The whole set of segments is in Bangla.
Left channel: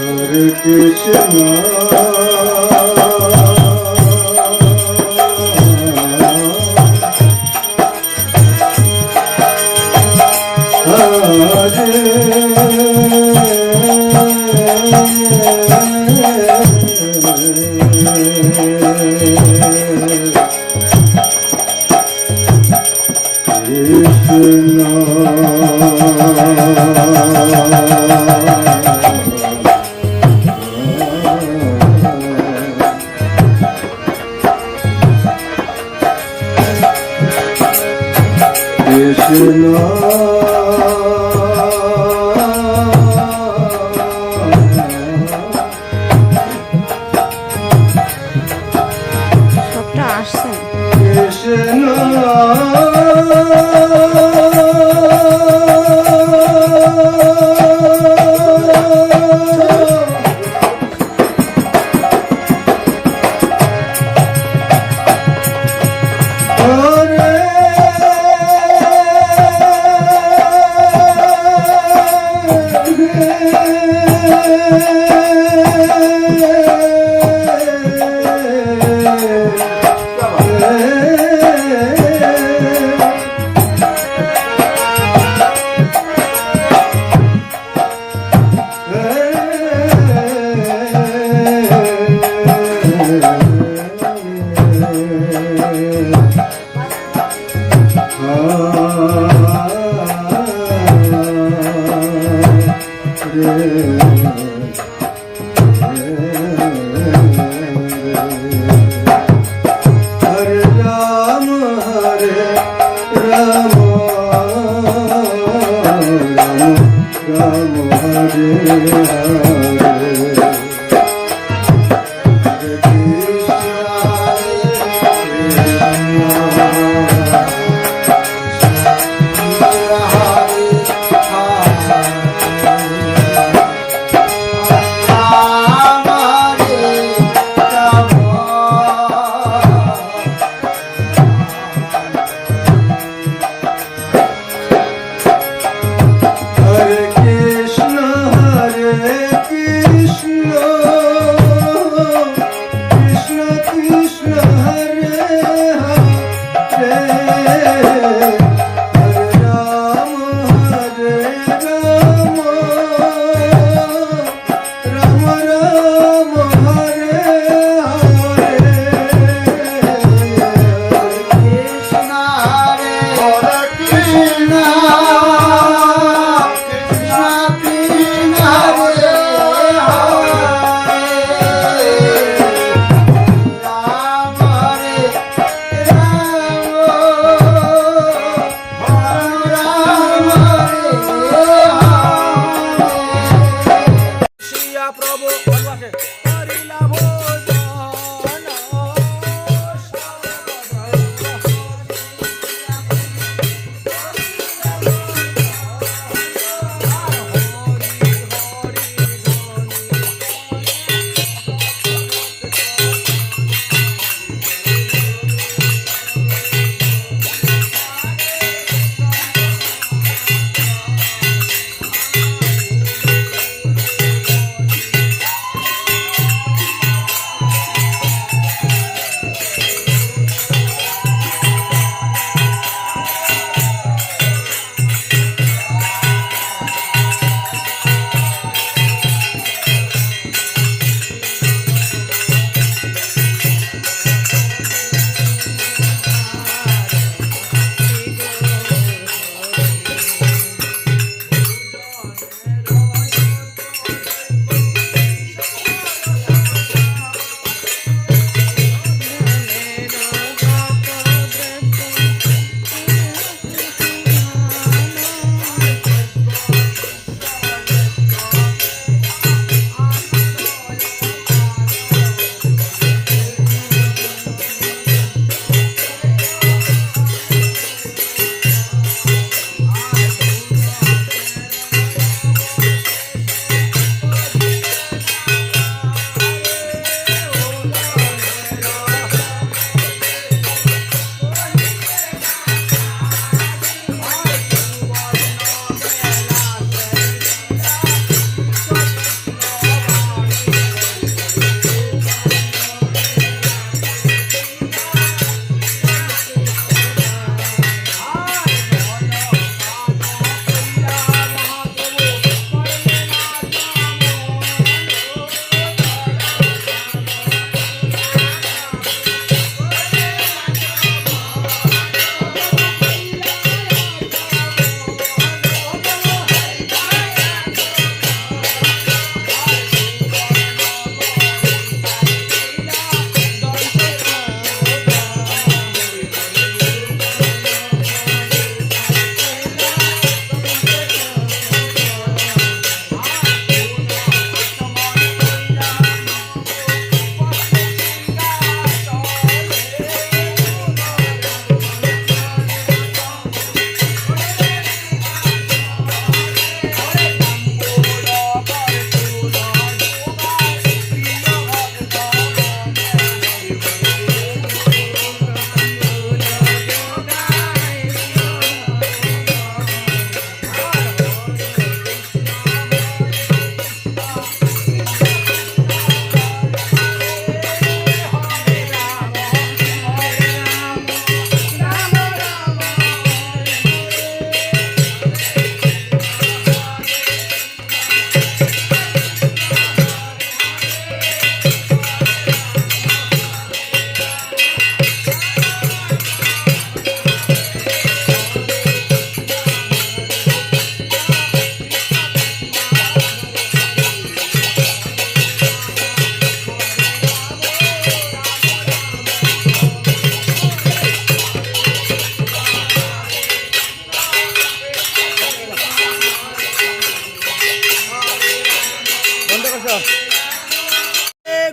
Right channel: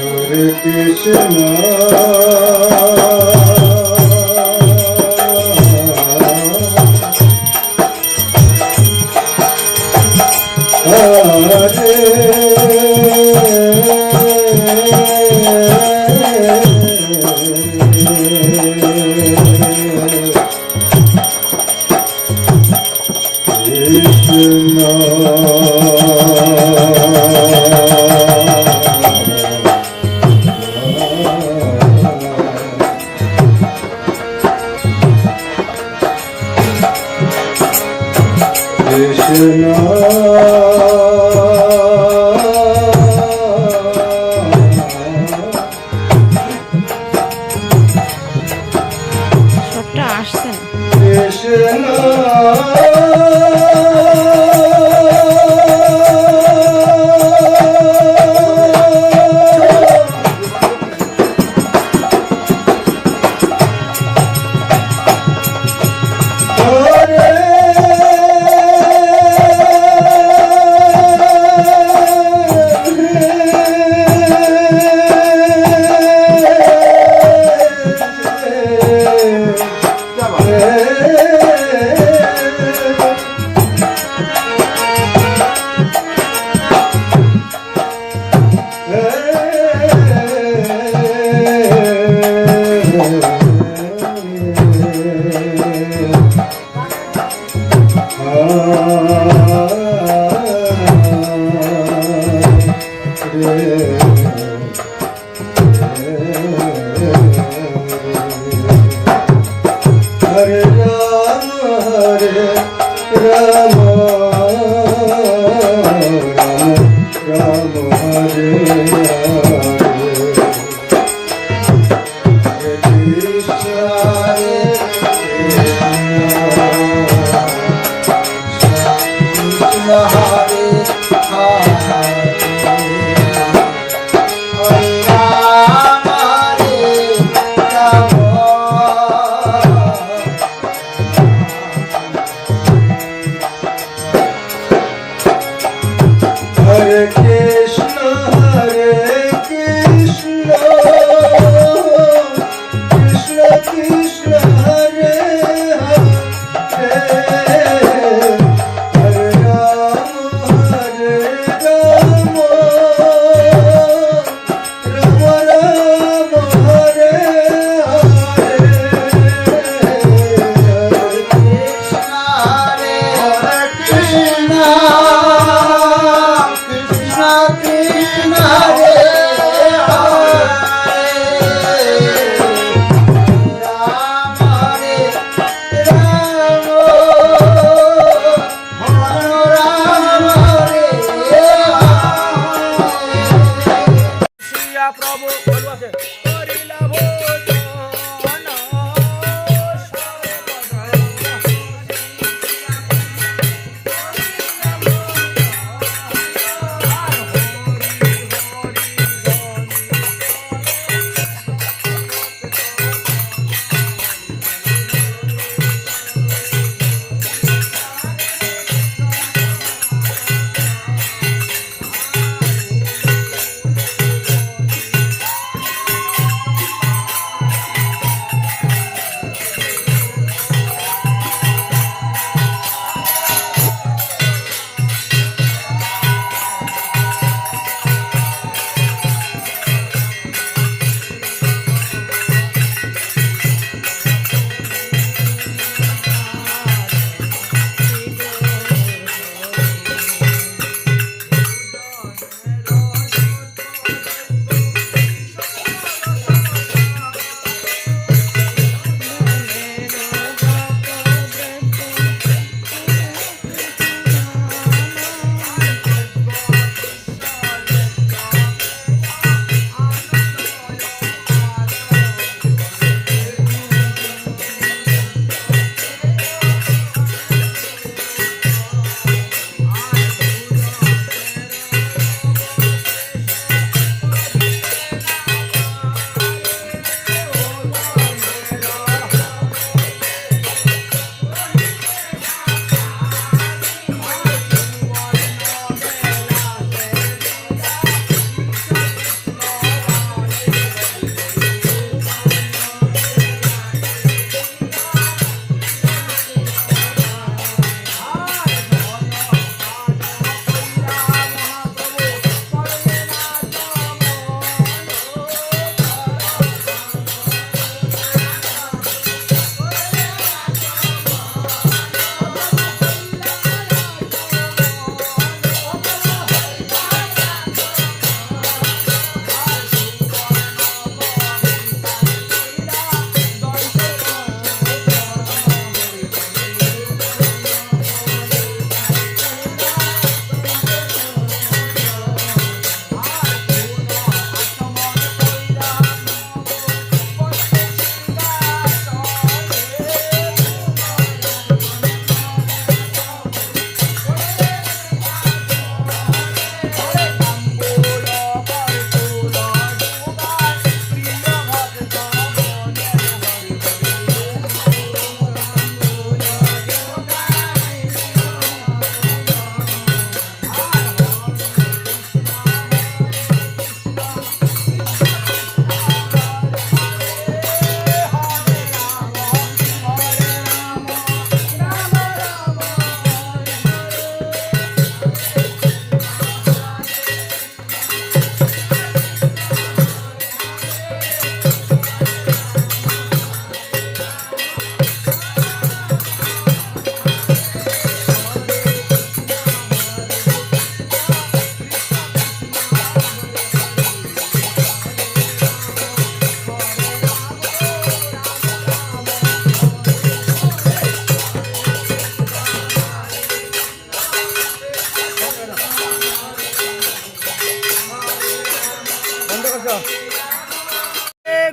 হরে কৃষ্ণ। হরে কৃষ্ণ good.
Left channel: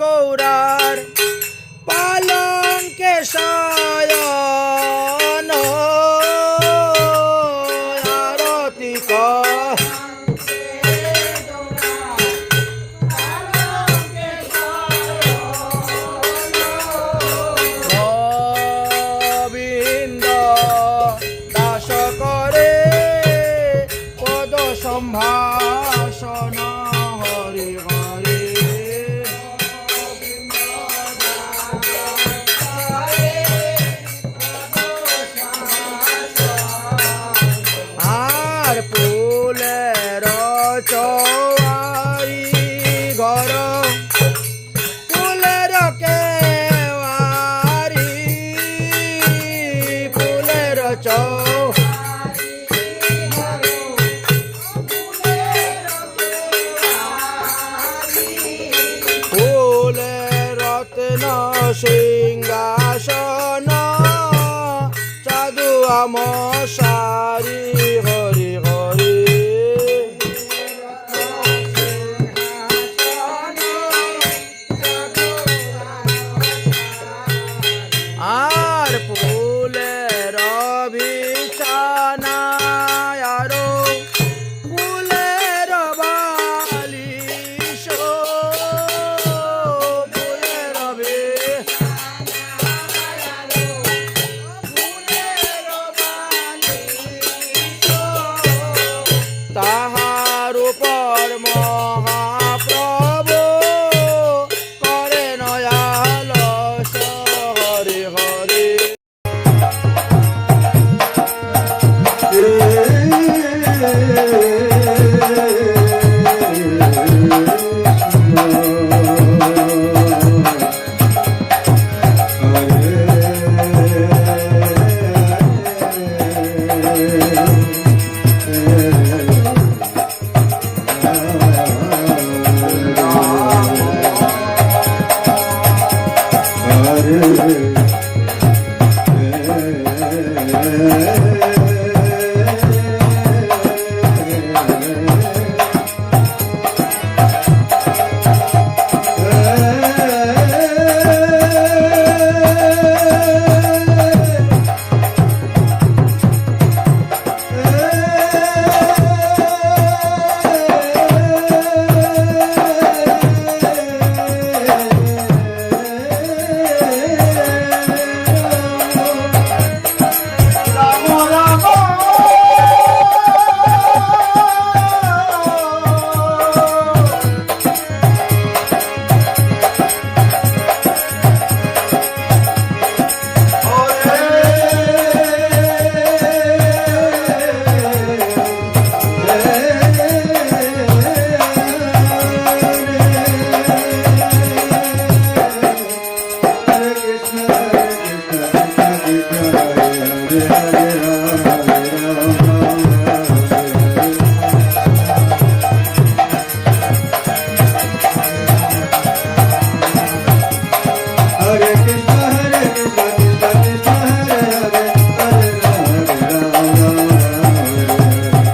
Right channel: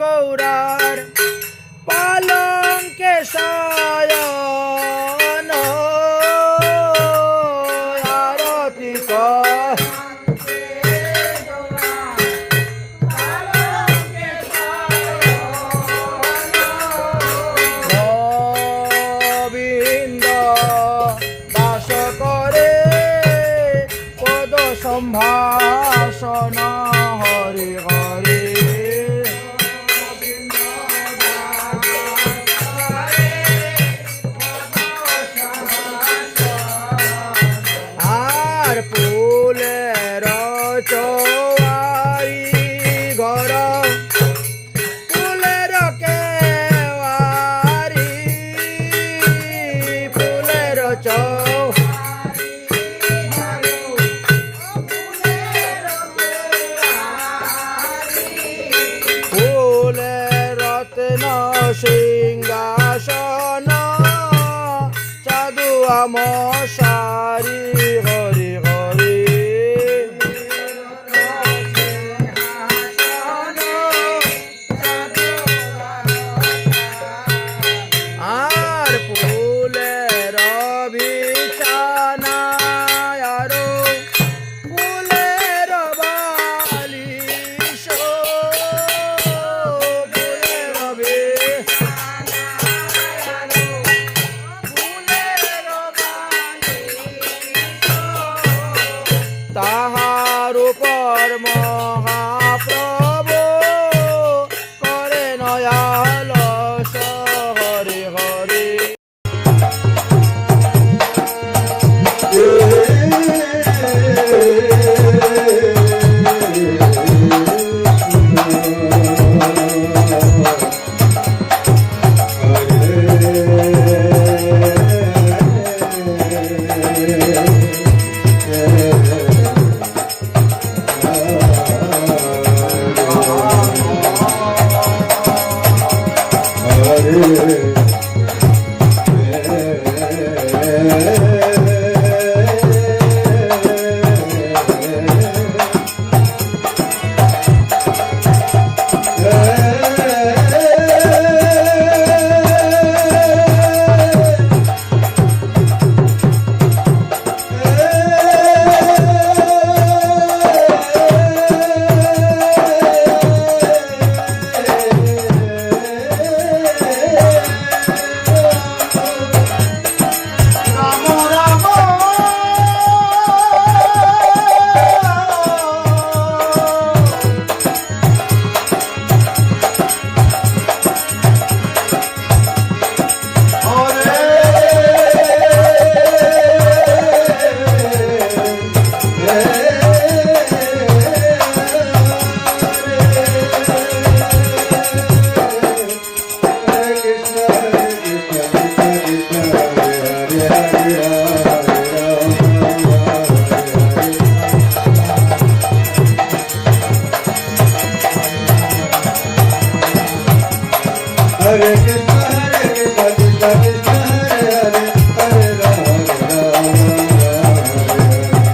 গৌরার পালঙ্কে শয়ন আরতি গোবিন্দ আর ফুলের চৌয়ারি ঘর ফুলের কেওয়ারি ফুলের চৌ ফুলের রত্ন সিংহাসন মশারি হরি হরি। আর পুরা